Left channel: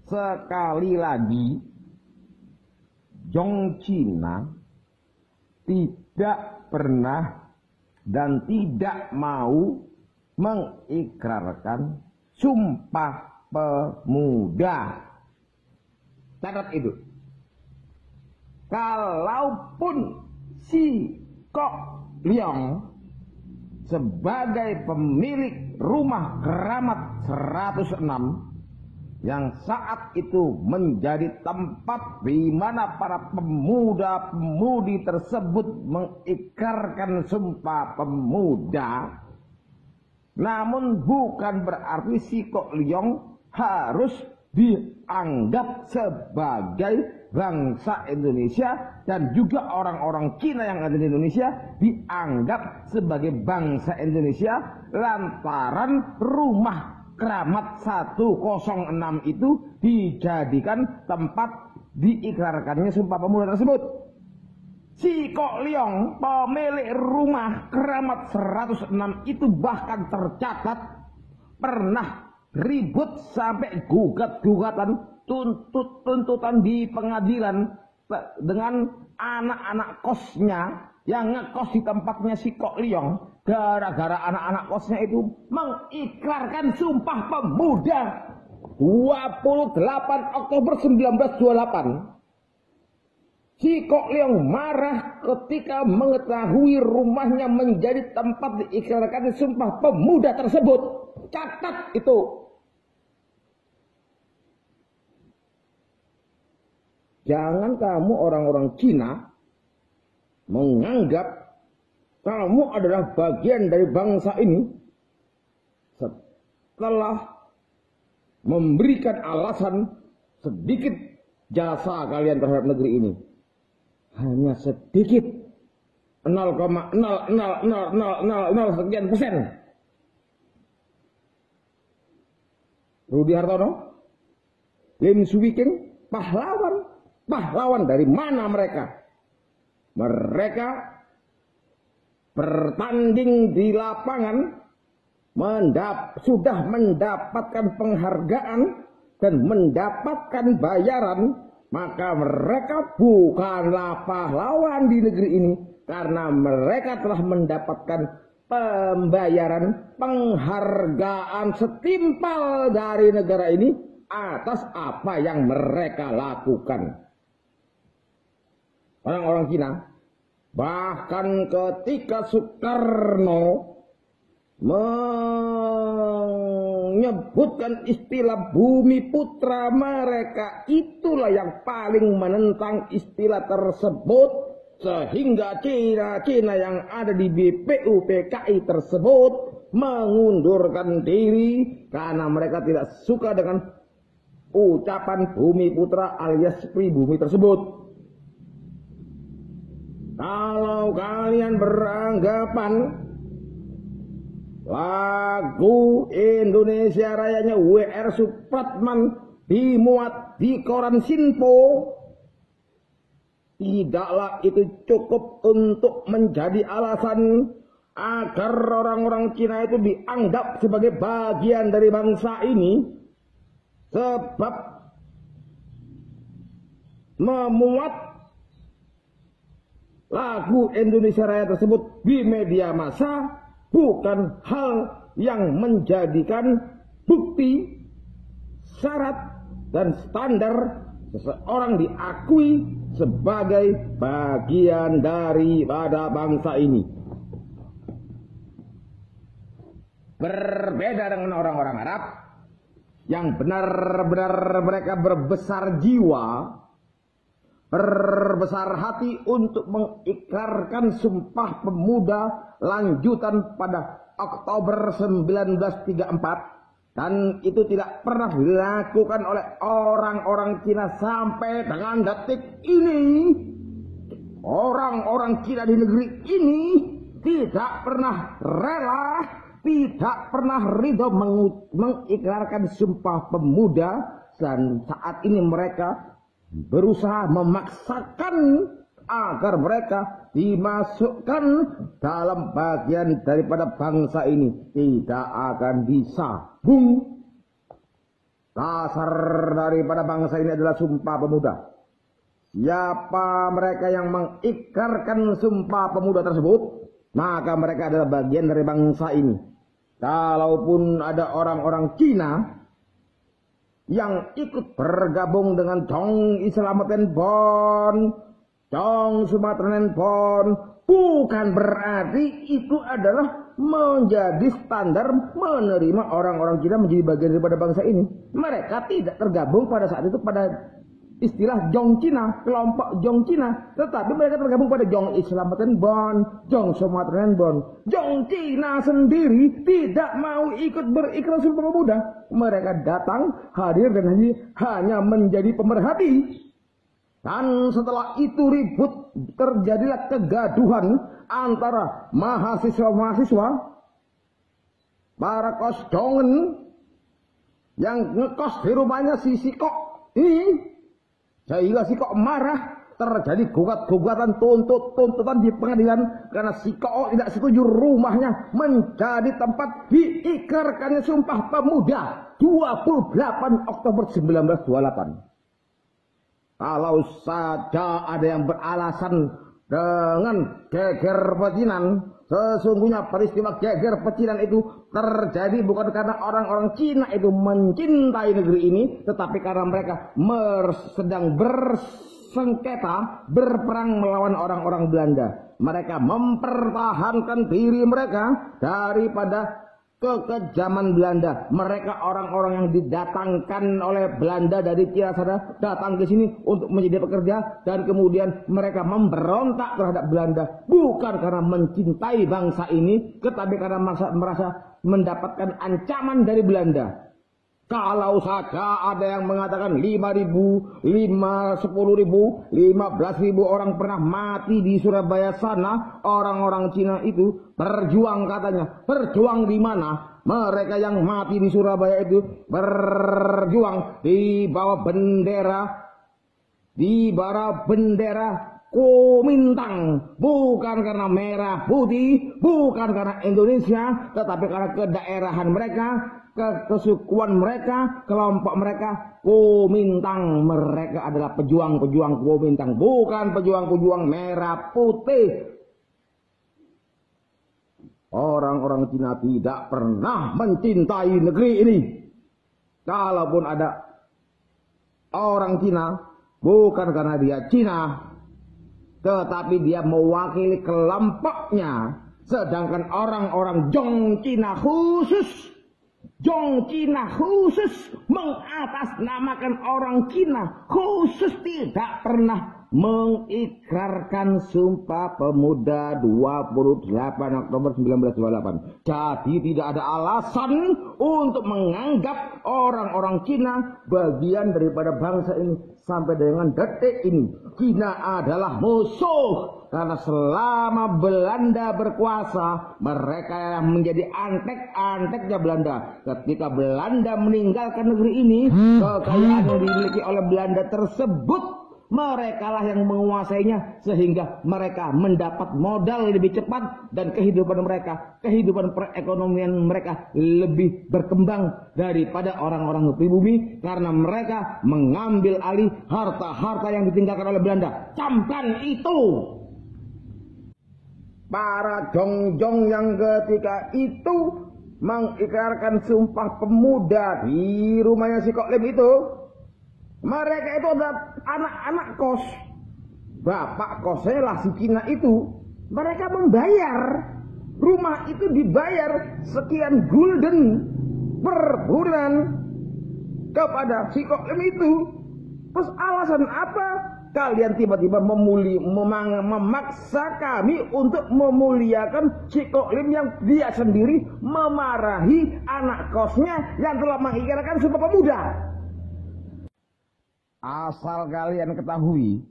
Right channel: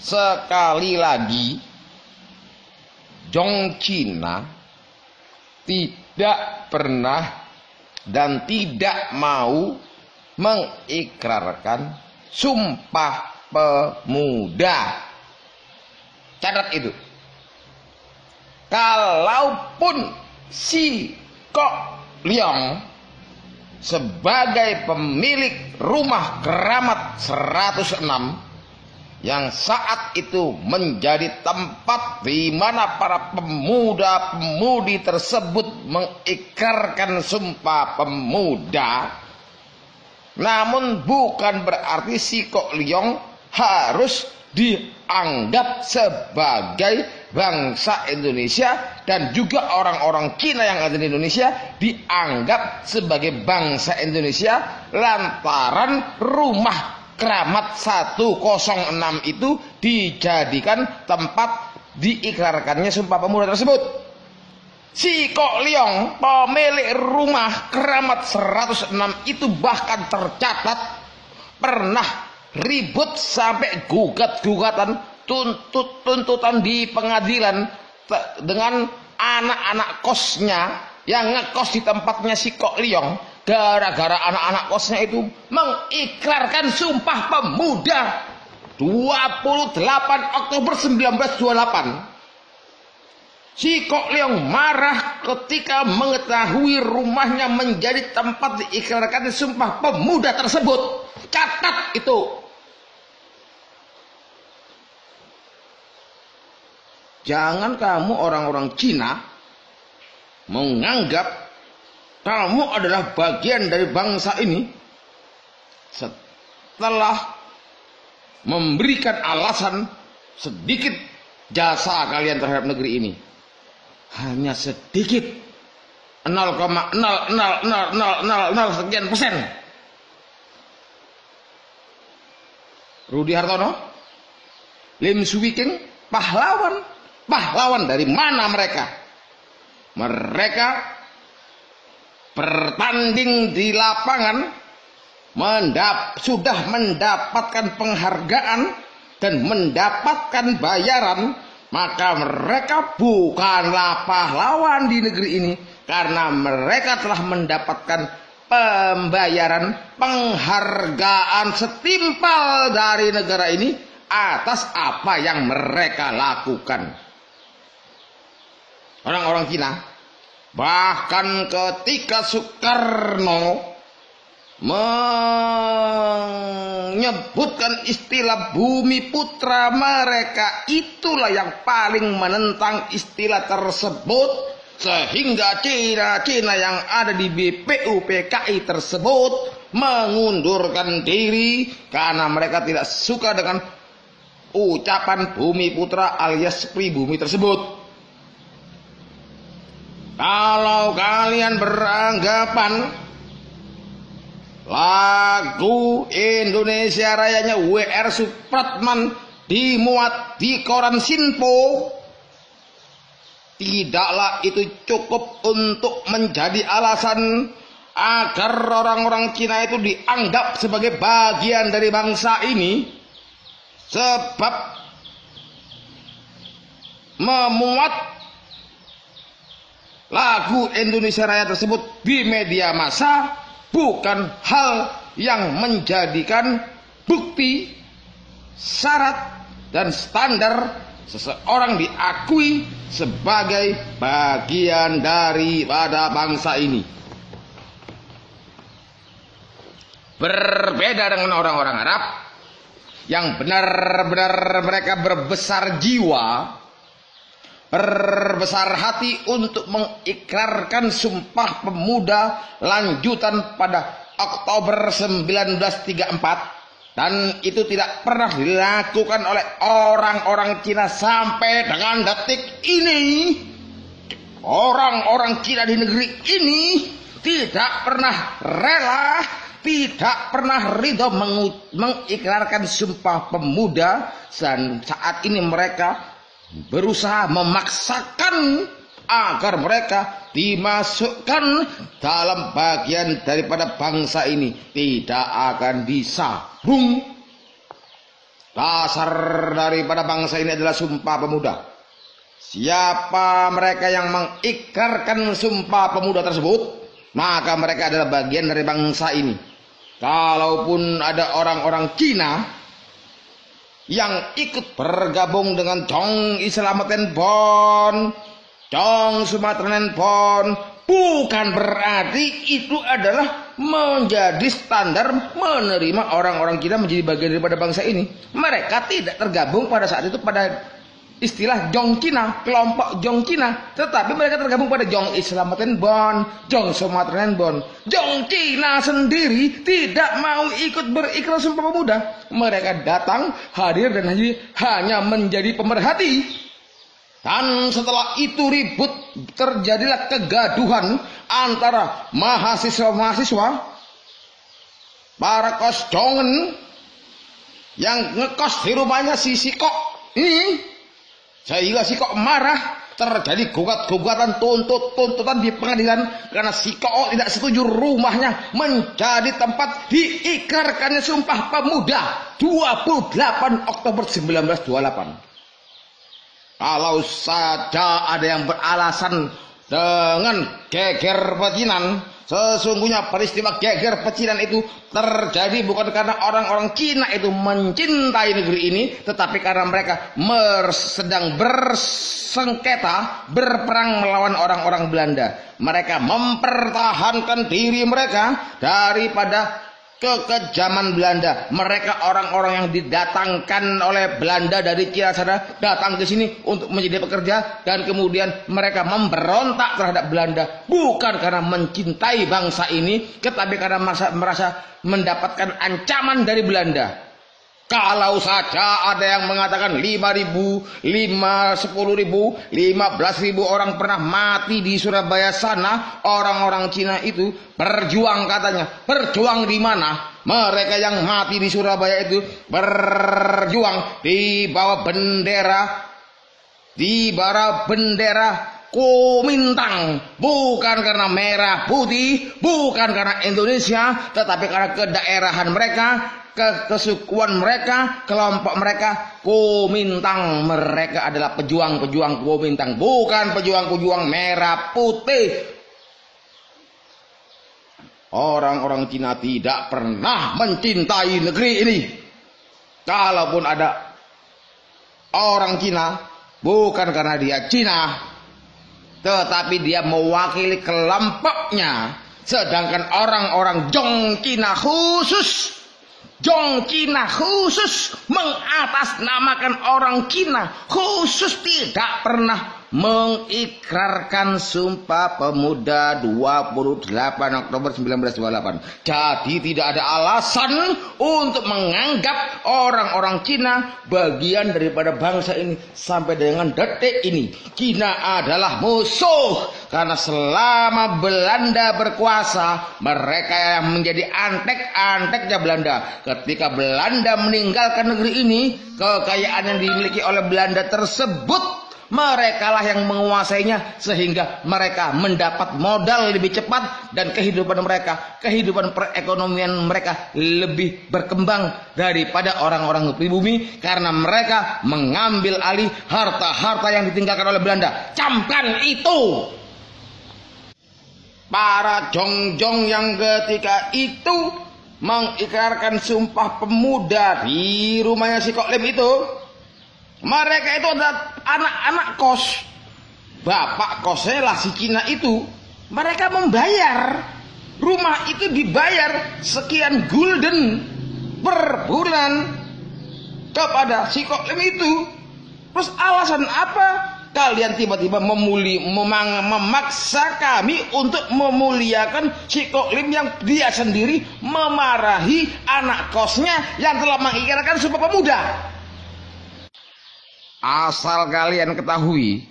sekali lagi Zhong Cina tidak pernah dan tidak mau mengikrarkan Sumpah Pemuda. Catat itu. Kalaupun si Kok Leong sebagai pemilik rumah keramat 106 yang saat itu menjadi tempat di mana para pemuda-pemudi tersebut mengikrarkan Sumpah Pemuda, namun bukan berarti si Kok Leong harus dianggap sebagai bangsa Indonesia, dan juga orang-orang Cina yang ada di Indonesia dianggap sebagai bangsa Indonesia lantaran rumah keramat 106 itu dijadikan tempat diikrarkannya Sumpah Pemuda tersebut. Si Kok Leong, pemilik rumah keramat 106 itu bahkan tercatat pernah ribut sampai gugat-gugatan, tuntutan di pengadilan dengan anak-anak kosnya yang ngekos di tempatnya si Kok Leong, gara-gara anak-anak kosnya itu mengikrarkan Sumpah Pemuda 28 Oktober 1928. Si Kok Leong marah ketika mengetahui rumahnya menjadi tempat diikrarkan Sumpah Pemuda tersebut. Catat itu. Jangan kamu orang-orang Cina menganggap kamu adalah bagian dari bangsa ini setelah memberikan alasan sedikit jasa kalian terhadap negeri ini. Hanya sedikit, 0,00000 sekian persen. Rudi Hartono, Lim Swee King, pahlawan dari mana mereka? Mereka bertanding di lapangan, sudah mendapatkan penghargaan dan mendapatkan bayaran, maka mereka bukanlah pahlawan di negeri ini karena mereka telah mendapatkan pembayaran, penghargaan setimpal dari negara ini atas apa yang mereka lakukan. Orang-orang Cina bahkan ketika Soekarno menyebutkan istilah Bumi Putra, mereka itulah yang paling menentang istilah tersebut, sehingga Cina yang ada di BPUPKI tersebut mengundurkan diri karena mereka tidak suka dengan ucapan Bumi Putra alias pribumi tersebut. Kalau kalian beranggapan lagu Indonesia Rayanya W.R. Supratman dimuat di koran Sinpo, tidaklah itu cukup untuk menjadi alasan agar orang-orang Cina itu dianggap sebagai bagian dari bangsa ini, sebab memuat lagu Indonesia Raya tersebut di media massa bukan hal yang menjadikan bukti, syarat, dan standar seseorang diakui sebagai bagian daripada bangsa ini. Berbeda dengan orang-orang Arab yang benar-benar mereka berbesar jiwa, berbesar hati untuk mengikrarkan Sumpah Pemuda lanjutan pada Oktober 1934, dan itu tidak pernah dilakukan oleh orang-orang Cina sampai dengan detik ini. Orang-orang Cina di negeri ini tidak pernah rela, tidak pernah ridho mengikrarkan Sumpah Pemuda, dan saat ini mereka berusaha memaksakan agar mereka dimasukkan dalam bagian daripada bangsa ini. Tidak akan bisa, Bung. Dasar daripada bangsa ini adalah Sumpah Pemuda. Siapa mereka yang mengikrarkan Sumpah Pemuda tersebut, maka mereka adalah bagian dari bangsa ini. Kalaupun ada orang-orang Cina yang ikut bergabung dengan Jong Islamaten Bon, Jong Sumatranen Bon, bukan berarti itu adalah menjadi standar menerima orang-orang Cina menjadi bagian daripada bangsa ini. Mereka tidak tergabung pada saat itu pada istilah Jong Cina, kelompok Jong Cina, tetapi mereka tergabung pada Jong Islamaten Bon, Jong Sumatranen Bon. Jong Cina sendiri tidak mau ikut berikrar Sumpah Pemuda. Mereka datang, hadir dan hanya menjadi pemerhati. Dan setelah itu ribut, terjadilah kegaduhan antara mahasiswa-mahasiswa, para kosjongen yang ngekos di rumahnya si Sikok ini, sehingga Sikok marah, terjadi gugat-gugatan, tuntutan di pengadilan karena Sikok tidak setuju rumahnya menjadi tempat diikrarkannya Sumpah Pemuda 28 Oktober 1928. Kalau saja ada yang beralasan dengan geger pecinan, sesungguhnya peristiwa geger pecinan itu terjadi bukan karena orang-orang Cina itu mencintai negeri ini, tetapi karena mereka sedang bersengketa, berperang melawan orang-orang Belanda. Mereka mempertahankan diri mereka daripada kekejaman Belanda. Mereka orang-orang yang didatangkan oleh Belanda dari Cina sana, datang ke sini untuk menjadi pekerja, dan kemudian mereka memberontak terhadap Belanda bukan karena mencintai bangsa ini, tetapi karena merasa mendapatkan ancaman dari Belanda. Kalau saja ada yang mengatakan 5.000, 10.000, 15.000 orang pernah mati di Surabaya sana, orang-orang Cina itu berjuang katanya. Berjuang di mana? Mereka yang mati di Surabaya itu berjuang di bawah bendera Kuomintang, bukan karena merah putih, bukan karena Indonesia, tetapi karena kedaerahan mereka, kesukuan mereka, kelompok mereka Kuomintang. Mereka adalah pejuang-pejuang Kuomintang, bukan pejuang-pejuang merah putih. Orang-orang Cina tidak pernah mencintai negeri ini. Kalaupun ada orang Cina, bukan karena dia Cina, tetapi dia mewakili kelompoknya. Sedangkan orang-orang Jong Cina khusus mengatasnamakan orang Cina khusus tidak pernah mengikrarkan Sumpah Pemuda 28 Oktober 1928. Jadi tidak ada alasan untuk menganggap orang-orang Cina bagian daripada bangsa ini. Sampai dengan detik ini Cina adalah musuh, karena selama Belanda berkuasa mereka yang menjadi antek-anteknya Belanda. Ketika Belanda meninggalkan negeri ini, kekayaan yang dimiliki oleh Belanda tersebut merekalah yang menguasainya, sehingga mereka mendapat modal lebih cepat dan kehidupan perekonomian mereka lebih berkembang daripada orang-orang pribumi, karena mereka mengambil alih harta-harta yang ditinggalkan oleh Belanda. Camkan itu. Para jongjong yang ketika itu mengikrarkan Sumpah Pemuda di rumahnya si Kok Lim itu, mereka itu adalah anak-anak kos. Bapak kosnya lah si Cina itu. Mereka membayar. Rumah itu dibayar sekian gulden per bulan kepada si Kok Lim itu. Terus alasan apa? Kalian tiba-tiba memaksa kami untuk memuliakan si Kok Lim yang dia sendiri memarahi anak kosnya yang telah mengikrarkan Sumpah Pemuda. Asal kalian ketahui,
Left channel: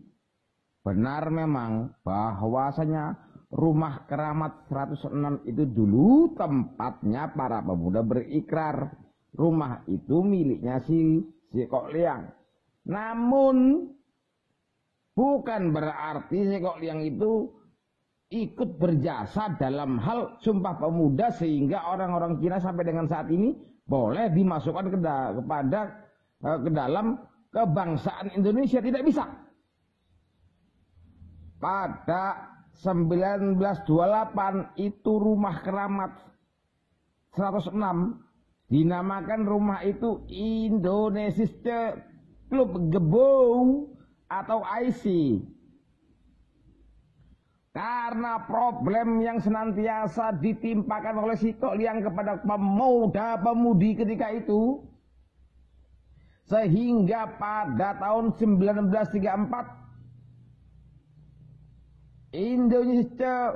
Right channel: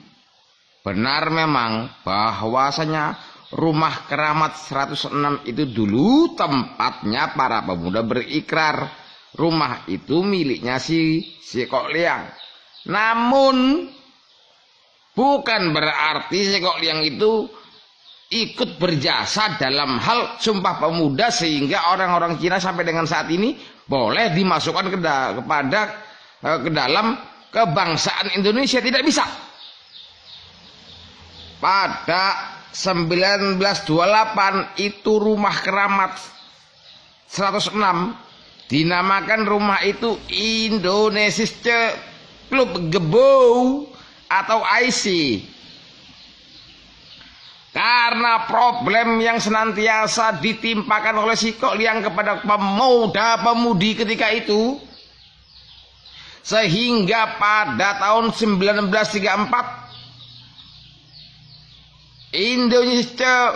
benar memang bahwasanya rumah keramat 106 itu dulu tempatnya para pemuda berikrar. Rumah itu miliknya si Kok Liang. Namun bukan berarti si Kok Liang itu ikut berjasa dalam hal Sumpah Pemuda, sehingga orang-orang Cina sampai dengan saat ini boleh dimasukkan kepada ke dalam kebangsaan Indonesia, tidak bisa. Pada 1928 itu rumah keramat 106 dinamakan rumah itu Indonesia Club Gebau atau IC. Karena problem yang senantiasa ditimpakan oleh si Kok Liang kepada pemuda-pemudi ketika itu, sehingga pada tahun 1934 Indonesia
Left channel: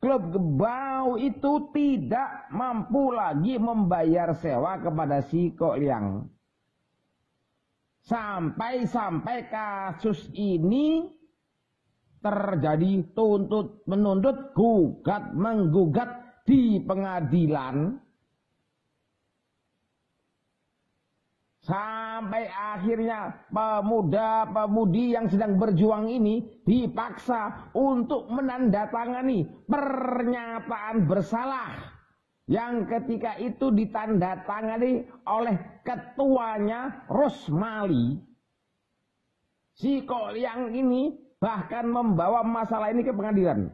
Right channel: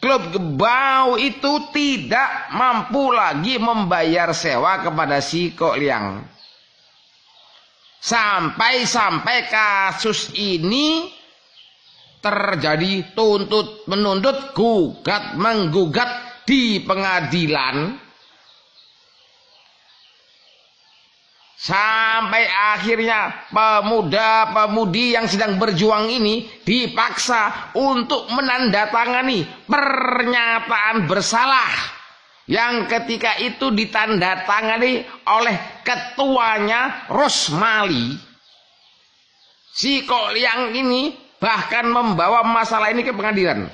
Club Gebau itu tidak mampu lagi membayar sewa kepada si Kok Liang. Sampai-sampai kasus ini terjadi tuntut menuntut, gugat menggugat di pengadilan, sampai akhirnya pemuda-pemudi yang sedang berjuang ini dipaksa untuk menandatangani pernyataan bersalah yang ketika itu ditandatangani oleh ketuanya Rosmali. Si Kok Liang ini bahkan membawa masalah ini ke pengadilan.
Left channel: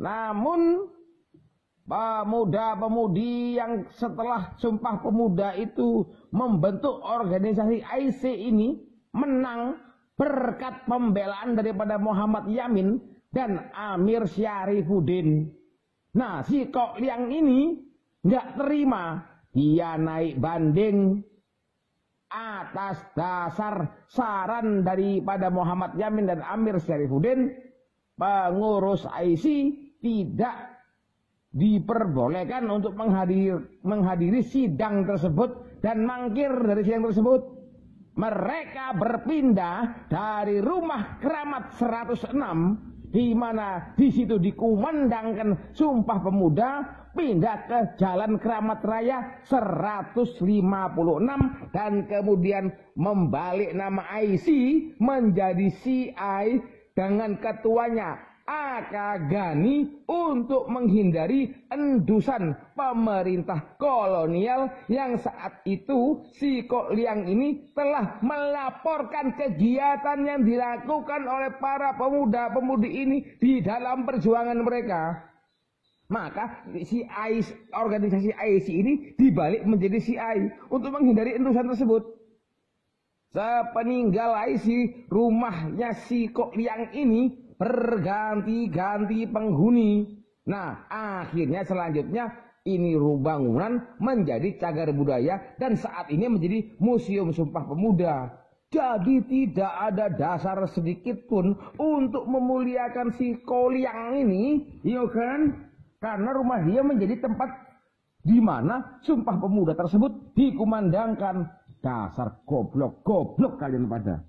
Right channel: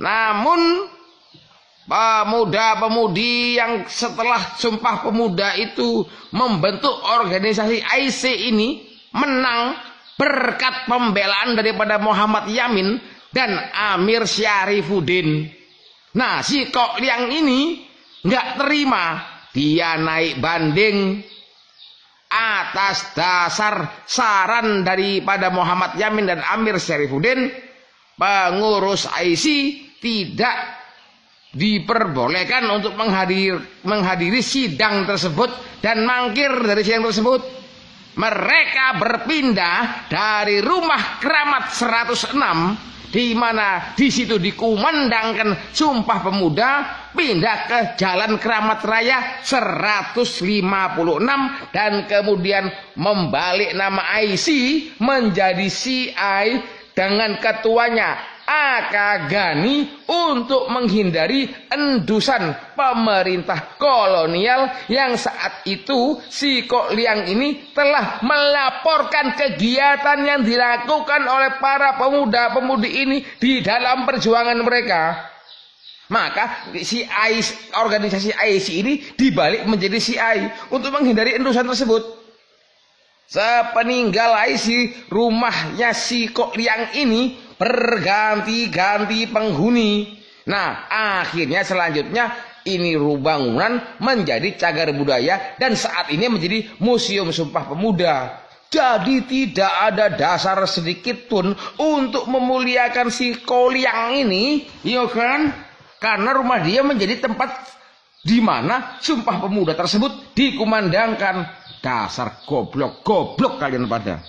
Namun pemuda-pemudi yang setelah Sumpah Pemuda itu membentuk organisasi IC ini menang berkat pembelaan daripada Muhammad Yamin dan Amir Syarifuddin. Nah, si Kok Liang ini nggak terima, dia naik banding atas dasar saran daripada Muhammad Yamin dan Amir Syarifuddin. Pengurus IC tidak diperbolehkan untuk menghadiri sidang tersebut dan mangkir dari sidang tersebut. Mereka berpindah dari rumah keramat 106 di mana di situ dikumandangkan Sumpah Pemuda, pindah ke Jalan Keramat Raya 156 dan kemudian membalik nama IC menjadi CI dengan ketuanya Aka Gani untuk menghindari endusan pemerintah kolonial yang saat itu si Kok Liang ini telah melaporkan kegiatan yang dilakukan oleh para pemuda-pemudi ini di dalam perjuangan mereka. Maka organisasi IC ini dibalik menjadi CI untuk menghindari endusan tersebut. Sepeninggal IC, rumahnya si Kok Liang ini berganti-ganti penghuni. Nah, akhirnya selanjutnya ini bangunan menjadi cagar budaya dan saat ini menjadi Museum Sumpah Pemuda. Jadi tidak ada dasar sedikit pun untuk memuliakan si Kok Liang ini, ya kan? Karena rumah dia menjadi tempat di mana Sumpah Pemuda tersebut dikumandangkan. Dasar goblok-goblok kalian pada.